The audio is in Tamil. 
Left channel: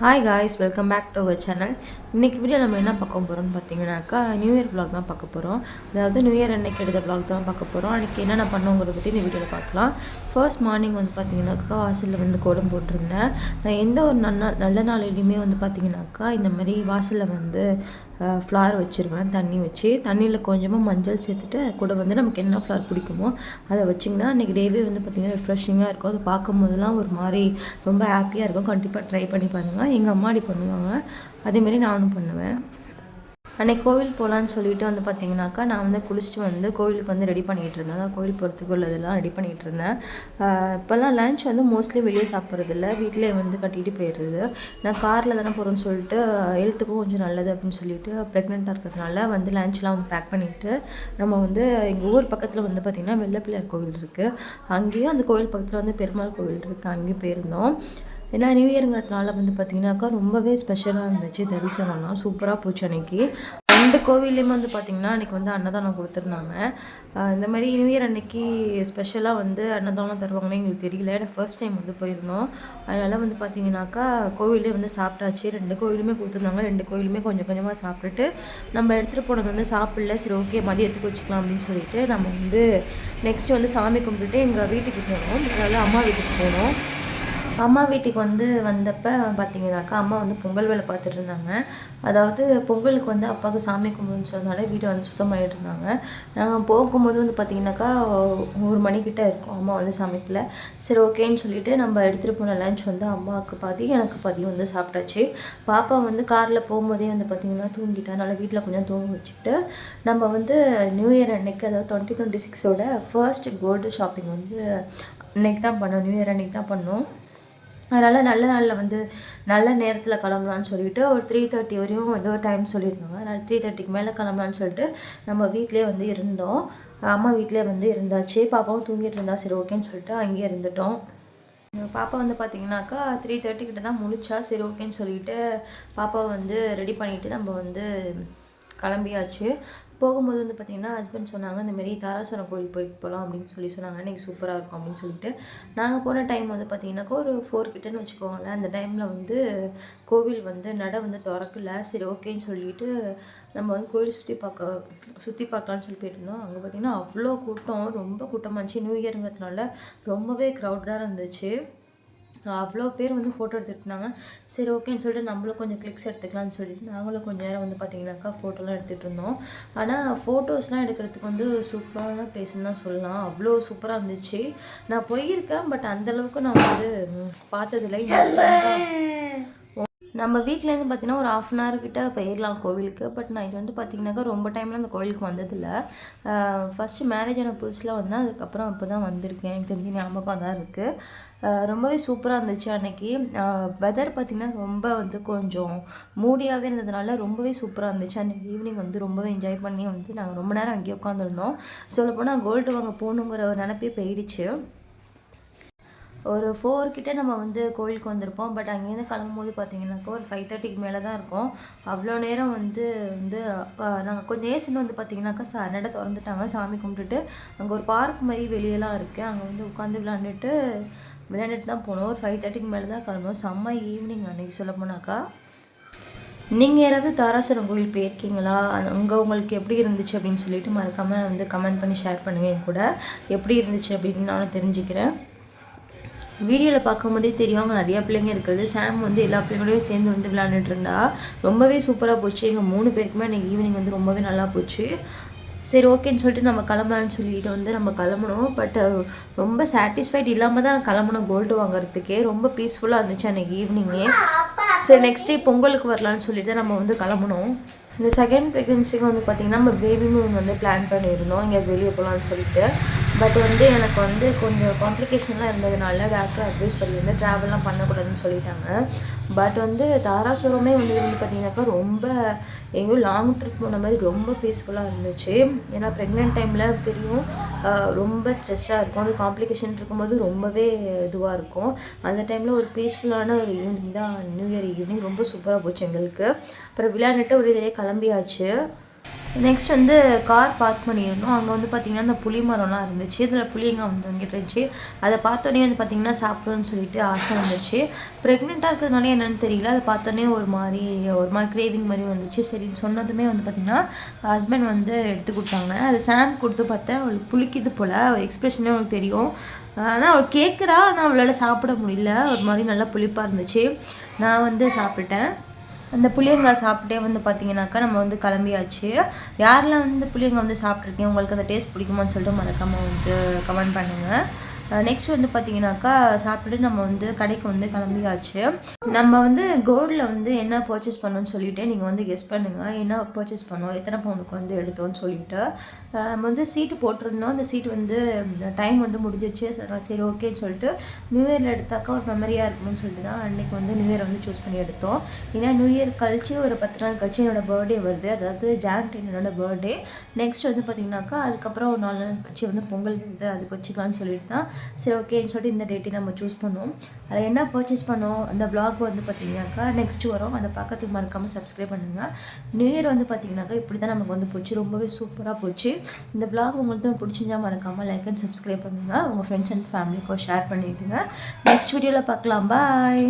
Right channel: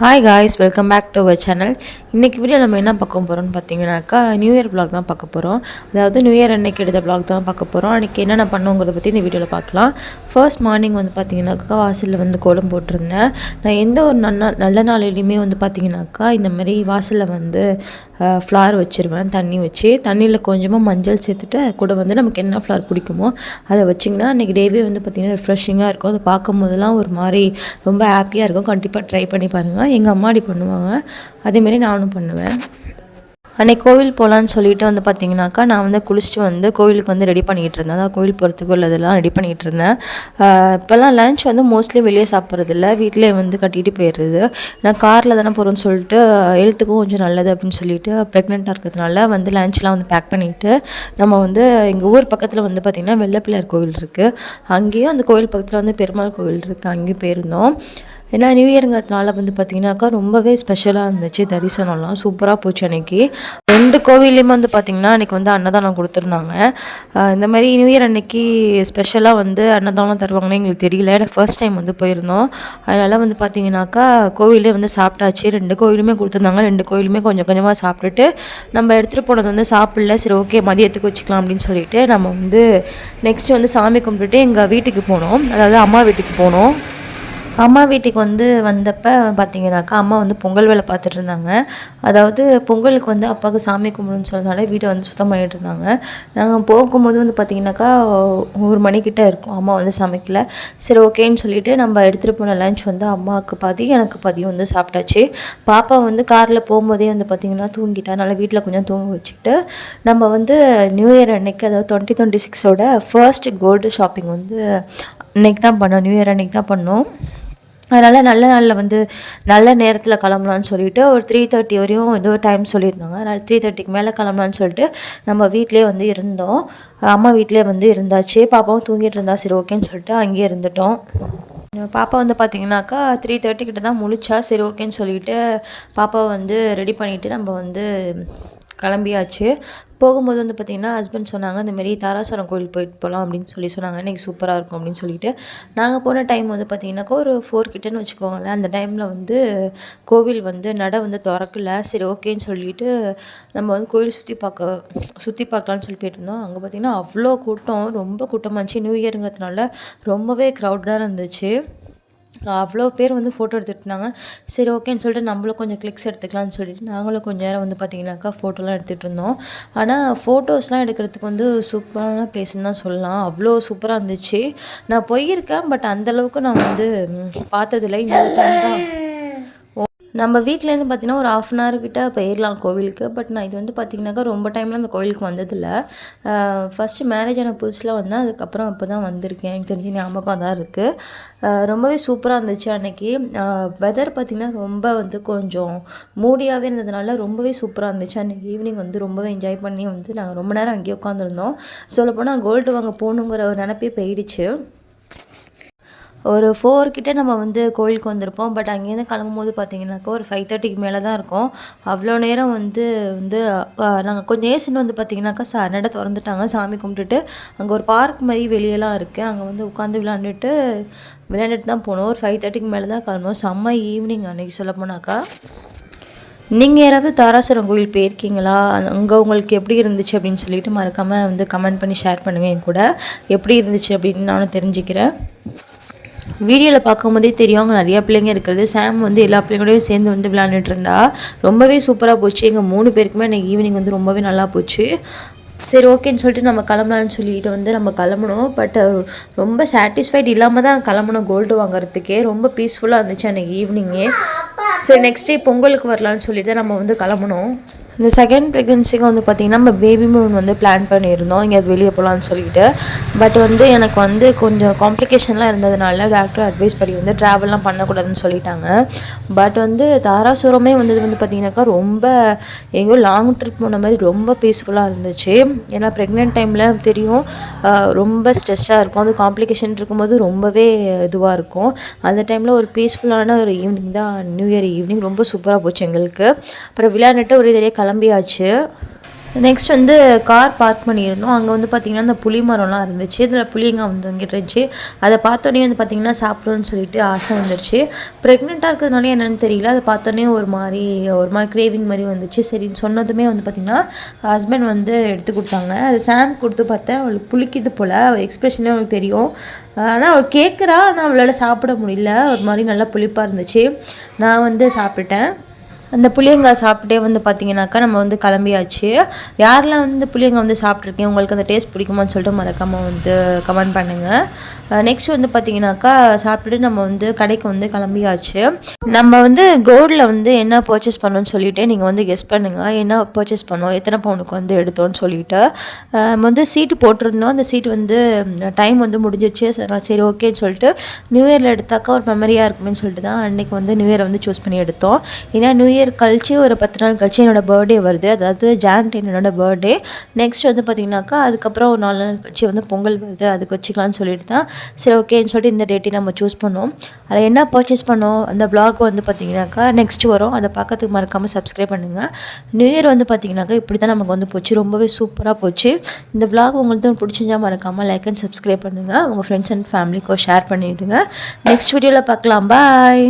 Hi guys, welcome back to our channel. இன்றைக்கி வீடியோ நம்ம என்ன பார்க்க போகிறோம்னு பார்த்தீங்கன்னாக்கா நியூ இயர் vlog தான் பார்க்க போகிறோம். அதாவது நியூ இயர் அன்னைக்கு எடுத்த vlog தான் பார்க்க போகிறோம். அன்றைக்கி என்னென்ன பண்ணுங்கிறத பற்றி இந்த வீடியோவில் பார்க்கலாம். ஃபர்ஸ்ட் மார்னிங் வந்து பார்த்தீங்கன்னாக்கா வாசலில் வந்து கோலம் போட்டிருந்தேன். நான் எந்த ஒரு நல்ல நாளிலையுமே வந்து பார்த்தீங்கன்னாக்கா இந்த மாதிரி வாசலில் வந்து ஃப்ளவர் வச்சுருவேன். தண்ணி வச்சு தண்ணியில் கொஞ்சமாக மஞ்சள் சேர்த்துட்டு கூட வந்து நமக்கு என்ன ஃப்ளவர் பிடிக்குமோ அதை வச்சிங்கன்னா அன்றைக்கி டேவே வந்து பார்த்திங்கன்னா ரிஃப்ரெஷிங்காக இருக்கும். அதை பார்க்கும் போதெல்லாம் ஒரு மாதிரி ரொம்ப ஹாப்பியாக இருக்கும். கண்டிப்பாக ட்ரை பண்ணி பாருங்கள். எங்கள் அம்மா அப்படி பண்ணுவாங்க, அதேமாரி நானும் பண்ணுவேன். அன்றைக்கி கோவில் போகலான்னு சொல்லிட்டு வந்து பார்த்திங்கனாக்கா நான் வந்து குளிச்சுட்டு வந்து கோவிலுக்கு வந்து ரெடி பண்ணிகிட்டு இருந்தேன். அதான் கோவில் போகிறதுக்கு உள்ளதெல்லாம் ரெடி பண்ணிகிட்டு இருந்தேன். இப்போல்லாம் லன்ச் வந்து மோஸ்ட்லி வெளியே சாப்பிட்றதில்ல, வீட்டிலே வந்து கட்டிகிட்டு போயிடுறது. நான் காரில் தானே போகிறோன்னு சொல்லிட்டு ஹெல்த்துக்கும் கொஞ்சம் நல்லது அப்படின்னு சொல்லிட்டு ப்ரெக்னெண்ட்டாக இருக்கிறதுனால வந்து லன்ச்லாம் வந்து பேக் பண்ணிவிட்டு நம்ம வந்து எங்கள் ஊர் பக்கத்தில் வந்து பார்த்திங்கன்னா வெள்ளப்பிள்ளையார் கோவில் இருக்குது. அங்கேயும் அந்த கோவில் பக்கத்தில் வந்து பெருமாள் கோவில் இருக்குது, அங்கேயும் போயிருந்தோம். ஏன்னா நியூ இயருங்கிறதுனால வந்து பார்த்திங்கனாக்கா ரொம்பவே ஸ்பெஷலாக இருந்துச்சு. தரிசனம்லாம் சூப்பராக போச்சு. அன்றைக்கி 2 கோவில்லையுமே வந்து பார்த்திங்கன்னா அன்றைக்கி வந்து அன்னதானம் கொடுத்துருந்தாங்க. இந்த மாதிரி நியூ இயர் அன்னைக்கு ஸ்பெஷலாக வந்து அன்னதானம் தருவாங்கன்னு எங்களுக்கு தெரியல. ஏன்னா ஃபர்ஸ்ட் டைம் வந்து போயிருந்தோம். அதனால் வந்து பார்த்திங்கனாக்கா கோவிலே வந்து சாப்பிட்டாச்சு. 2 கோவிலுமே கொடுத்துருந்தாங்க. 2 கோவிலுமே கொஞ்சம் கொஞ்சமாக சாப்பிட்டுட்டு நம்ம எடுத்துகிட்டு போனது வந்து சாப்பிடல. சரி, ஓகே, மதியத்துக்கு வச்சுக்கலாம் அப்படின்னு சொல்லிட்டு நம்ம வந்து நெக்ஸ்ட்டு வந்து சாமி கும்பிட்டுட்டு எங்கள் வீட்டுக்கு போனோம். அதாவது அம்மா வீட்டுக்கு போனோம். அம்மா வீட்டுக்கு வந்து வந்தப்போ பார்த்தீங்கன்னாக்கா அம்மா வந்து பொங்கல் வேலை பார்த்துட்டு இருந்தாங்க. அதாவது பொங்கலுக்கு வந்து அப்பாவுக்கு சாமி கும்பிடுன்னு சொன்னதால வீட்டை வந்து சுத்தம் பண்ணிகிட்டு இருந்தாங்க. நாங்கள் போகும்போது வந்து பார்த்திங்கனாக்கா 1 மணிக்கிட்ட இருக்கும். அம்மா வந்து சமைக்கல. சரி, ஓகேன்னு சொல்லிவிட்டு நம்ம எடுத்துகிட்டு போன லன்ச் வந்து அம்மாவுக்கு பாதி எனக்கு பாதியும் வந்து சாப்பிட்டாச்சு. பாப்பா வந்து காரில் போகும்போதே வந்து பார்த்திங்கன்னா தூங்கிட்டா. அதனால் வீட்டில் கொஞ்சம் தூங்க வச்சுட்டு நம்ம வந்து நியூ இயர் அன்னைக்கு, அதாவது 2026ஓட ஃபர்ஸ்ட் கோல்டு ஷாப்பிங் வந்து அன்றைக்கி தான் பண்ணோம். நியூ இயர் அன்றைக்கி தான் பண்ணோம். அதனால் நல்ல நாளில் வந்து நல்ல நேரத்தில் கிளம்பலான்னு சொல்லிவிட்டு ஒரு 3:30 வரையும் ஏதோ டைம் சொல்லியிருந்தாங்க. அதனால் 3:30க்கு மேலே கிளம்பலான்னு சொல்லிட்டு நம்ம வீட்டிலே வந்து இருந்தோம். அம்மா வீட்டிலே வந்து இருந்தாச்சு. பாப்பாவும் தூங்கிட்டு இருந்தா. சரி, ஓகேன்னு சொல்லிட்டு அங்கேயே இருந்துட்டோம். பாப்பா வந்து பார்த்திங்கனாக்கா 3:30 கிட்ட தான் முழிச்சா. சரி, ஓகேன்னு சொல்லிவிட்டு பாப்பாவை வந்து ரெடி பண்ணிவிட்டு நம்ம வந்து கிளம்பியாச்சு. போகும்போது வந்து பார்த்திங்கன்னா ஹஸ்பண்ட் சொன்னாங்க, இந்தமாரி தாராசுரம் கோவில் போயிட்டு போகலாம் அப்படின்னு சொன்னாங்க. இன்றைக்கி சூப்பராக இருக்கும் அப்படின்னு சொல்லிட்டு நாங்கள் போன டைம் வந்து பார்த்திங்கனாக்கா ஒரு 4 கிட்டேன்னு வச்சுக்கோங்களேன். அந்த டைமில் வந்து கோவில் வந்து நடை வந்து திறக்கல. சரி, ஓகேன்னு சொல்லிட்டு நம்ம வந்து கோவில் சுற்றி பார்க்கலான்னு சொல்லி போயிட்டுருந்தோம். அங்கே பார்த்திங்கன்னா அவ்வளோ கூட்டம், ரொம்ப கூட்டமாக இருந்துச்சு. நியூ இயருங்கிறதுனால ரொம்பவே க்ரௌடாக இருந்துச்சு. அவ்வளோ பேர் வந்து ஃபோட்டோ எடுத்துகிட்டு இருந்தாங்க. சரி, ஓகேன்னு சொல்லிட்டு நம்மளும் கொஞ்சம் கிளிக்ஸ் எடுத்துக்கலாம்னு சொல்லிட்டு நாங்களும் கொஞ்சம் நேரம் வந்து பார்த்திங்கனாக்கா ஃபோட்டோலாம் எடுத்துகிட்டு இருந்தோம். ஆனால் ஃபோட்டோஸ்லாம் எடுக்கிறதுக்கு வந்து சூப்பரான பிளேஸ்ன்னு தான் சொல்லலாம். அவ்வளோ சூப்பராக இருந்துச்சு. நான் போயிருக்கேன், பட் அந்தளவுக்கு நான் வந்து பார்த்ததில்லை. இந்த டைம் தான் நம்ம வீட்டிலேருந்து பார்த்திங்கன்னா ஒரு 1/2 hour கிட்ட போயிடலாம் கோவிலுக்கு. பட் நான் இது வந்து பார்த்திங்கனாக்கா ரொம்ப டைமில் அந்த கோவிலுக்கு வந்ததில்லை. ஃபஸ்ட்டு மேரேஜ் ஆன புதுசில் வந்தேன். அதுக்கப்புறம் அப்போ தான் வந்திருக்கேன். எனக்கு தெரிஞ்சு ஞாபகம் தான் இருக்குது. ரொம்பவே சூப்பராக இருந்துச்சு அன்றைக்கி. வெதர் பார்த்திங்கன்னா ரொம்ப வந்து கொஞ்சம் மூடியாகவே இருந்ததுனால ரொம்பவே சூப்பராக இருந்துச்சு. அன்றைக்கி ஈவினிங் வந்து ரொம்பவே என்ஜாய் பண்ணி வந்து நாங்கள் ரொம்ப நேரம் அங்கேயே உட்காந்துருந்தோம். சொல்லப்போனால் கோல்டு வாங்க போகணுங்கிற ஒரு நினப்பே போயிடுச்சு. ஒரு 4 கிட்ட நம்ம வந்து கோயிலுக்கு வந்திருப்போம். பட் அங்கேருந்து கிளம்பும்போது பார்த்திங்கனாக்கா ஒரு 5:30க்கு மேலே தான் இருக்கும். அவ்வளோ நேரம் வந்து நாங்கள் கொஞ்சம் ஏசின்னு வந்து பார்த்திங்கனாக்கா நடை திறந்துட்டாங்க. சாமி கும்பிட்டுட்டு அங்கே ஒரு பார்க் மாதிரி வெளியெல்லாம் இருக்குது. அங்கே வந்து உட்காந்து விளையாண்டுட்டு தான் போனோம். ஒரு 5:30க்கு மேலே தான் கிளம்புவோம். செம்ம ஈவினிங் அன்றைக்கி சொல்ல போனாக்கா. நீங்கள் யாராவது தாராசுரம் கோயில் போயிருக்கீங்களா? அங்கே உங்களுக்கு எப்படி இருந்துச்சு அப்படின்னு சொல்லிட்டு மறக்காமல் வந்து கமெண்ட் பண்ணி ஷேர் பண்ணுங்கள். என் கூட எப்படி இருந்துச்சு அப்படின்னு நானும் தெரிஞ்சுக்கிறேன். வீடியோவில் பார்க்கும்போதே தெரியும் அங்கே நிறையா பிள்ளைங்க இருக்கிறது. சாம் வந்து எல்லா பிள்ளைங்களோடையும் சேர்ந்து வந்து விளையாண்டுட்டு இருந்தா. ரொம்பவே சூப்பராக போச்சு. எங்கள் 3 பேருக்குமே அன்றைக்கி ஈவினிங் வந்து ரொம்பவே நல்லா போச்சு. சரி, ஓகேன்னு சொல்லிட்டு நம்ம கிளம்பலான்னு சொல்லிட்டு வந்து நம்ம கிளம்புனோம். பட் ரொம்ப சாட்டிஸ்ஃபைட் இல்லாமல் தான் கிளம்புனோம். கோல்டு வாங்குறதுக்கே ரொம்ப பீஸ்ஃபுல்லாக இருந்துச்சு அன்றைக்கி ஈவினிங்கே. சரி, நெக்ஸ்ட் டே பொங்கலுக்கு வரலான்னு சொல்லி தான் நம்ம வந்து கிளம்புனோம். இந்த செகண்ட் ப்ரெக்னென்சிக்கு வந்து பார்த்திங்கன்னா நம்ம பேபி மூன் வந்து பிளான் பண்ணியிருந்தோம் எங்கேயாவது வெளியே போகலான்னு சொல்லிட்டு. பட் வந்து எனக்கு வந்து கொஞ்சம் காம்ப்ளிகேஷன்லாம் இருந்ததுனால டாக்டர் அட்வைஸ் பண்ணி வந்து ட்ராவல்லாம் பண்ணக்கூடாதுன்னு சொல்லிட்டாங்க. பட் வந்து தாராசுரமே வந்தது வந்து பார்த்திங்கனாக்கா ரொம்ப எங்கேயோ லாங் ட்ரிப் போன மாதிரி ரொம்ப பீஸ்ஃபுல்லாக இருந்துச்சு. ஏன்னா ப்ரெக்னென்ட் டைமில் தெரியும் ரொம்ப ஸ்ட்ரெஸ்ஸாக இருக்கும். அது காம்ப்ளிகேஷன் இருக்கும்போது ரொம்பவே இதுவாக இருக்கும். அந்த டைமில் ஒரு பீஸ்ஃபுல்லான ஒரு ஈவினிங் தான் நியூ இயர் ஈவினிங். ரொம்ப சூப்பராக போச்சு எங்களுக்கு. அப்புறம் விளையாண்டுட்டு ஒரு இதிலே கிளம்பியாச்சு. நெக்ஸ்ட் வந்து கார் பார்க் பண்ணியிருந்தோம். அங்கே வந்து பார்த்திங்கன்னா அந்த புளி மரம்லாம் இருந்துச்சு. இதில் புளியங்காய் வந்து இங்கிட்டு இருந்துச்சு. அதை பார்த்தோன்னே வந்து பார்த்திங்கன்னா சாப்பிடணும்னு சொல்லிட்டு ஆசை வந்துருச்சு. ப்ரெக்னெண்ட்டாக இருக்கிறதுனால என்னென்னு தெரியல, அதை பார்த்தோன்னே ஒரு மாதிரி கிரேவிங் மாதிரி வந்துச்சு. சரின்னு சொன்னதுமே வந்து பார்த்திங்கன்னா ஹஸ்பண்ட் வந்து எடுத்து கொடுத்தாங்க. அது சாம் கொடுத்து பார்த்தேன், அவளுக்கு புளிக்குது போல், எக்ஸ்ப்ரெஷனே அவளுக்கு தெரியும். ஆனால் அவள் கேட்குறா, ஆனால் அவளால் சாப்பிட முடியல. ஒரு மாதிரி நல்லா புளிப்பாக இருந்துச்சு. நான் வந்து சாப்பிட்டேன். அந்த புளியங்காய் சாப்பிட்டே வந்து பார்த்திங்கனாக்கா நம்ம வந்து கிளம்பியாச்சு. யாரெல்லாம் வந்து புளியங்காய் வந்து சாப்பிட்ருக்கீங்க, உங்களுக்கு அந்த டேஸ்ட் பிடிக்குமான்னு சொல்லிட்டு மறக்காமல் வந்து கமெண்ட் பண்ணுங்கள். நெக்ஸ்ட் வந்து பார்த்திங்கனாக்கா சாப்பிட்டுட்டு நம்ம வந்து கடைக்கு வந்து கிளம்பியாச்சு. நம்ம வந்து கோல்டில் வந்து என்ன பர்ச்சேஸ் பண்ணோன்னு சொல்லிவிட்டு நீங்கள் வந்து கெஸ் பண்ணுங்கள். என்ன பர்ச்சேஸ் பண்ணோம், எத்தனை பவுனுக்கு வந்து எடுத்தோன்னு சொல்லிவிட்டு நம்ம வந்து சீட்டு போட்டிருந்தோம். அந்த சீட்டு வந்து டைம் வந்து முடிஞ்சிச்சு. சரி ஓகேன்னு சொல்லிட்டு நியூ இயரில் எடுத்தாக்கா ஒரு மெமரியாக இருக்குமேன்னு சொல்லிட்டு தான் அன்றைக்கி வந்து நியூ இயரை வந்து சூஸ் பண்ணி எடுத்தோம். ஏன்னா நியூ இயர் கழிச்சு ஒரு 10 நாள் கழிச்சு என்னோடய பர்த்டே வருது. அதாவது Jan 10 என்னோடய பர்த்டே. நெக்ஸ்ட் வந்து பார்த்திங்கனாக்கா அதுக்கப்புறம் ஒரு 4 நாள் கழிச்சு வந்து பொங்கல் வருது, அதுக்கு வச்சுக்கலான்னு சொல்லிட்டு தான் சரி ஓகேன்னு சொல்லிட்டு இந்த டேட்டை நம்ம சூஸ் பண்ணோம். அதில் என்ன பர்ச்சேஸ் பண்ணோம், அந்த ப்ளாக் வந்து பார்த்திங்கனாக்கா நெக்ஸ்ட் வரும். அதை பார்க்கறதுக்கு மறக்காமல் சப்ஸ்கிரைப் பண்ணுங்கள். நியூ இயர் வந்து பார்த்திங்கனாக்கா இப்படி தான் நமக்கு வந்து போச்சு. ரொம்பவே சூப்பராக போச்சு. இந்த ப்ளாக் உங்களுக்கு பிடிச்சிருந்தா மறக்காமல் லைக் அண்ட் சப்ஸ்கிரைப் பண்ணுங்கள். உங்கள் ஃப்ரெண்ட்ஸ் அண்ட் ஃபேமிலிக்கும் ஷேர் பண்ணிவிடுங்க. நெக்ஸ்ட் வீடியோவில் பார்க்கலாம். பாய்.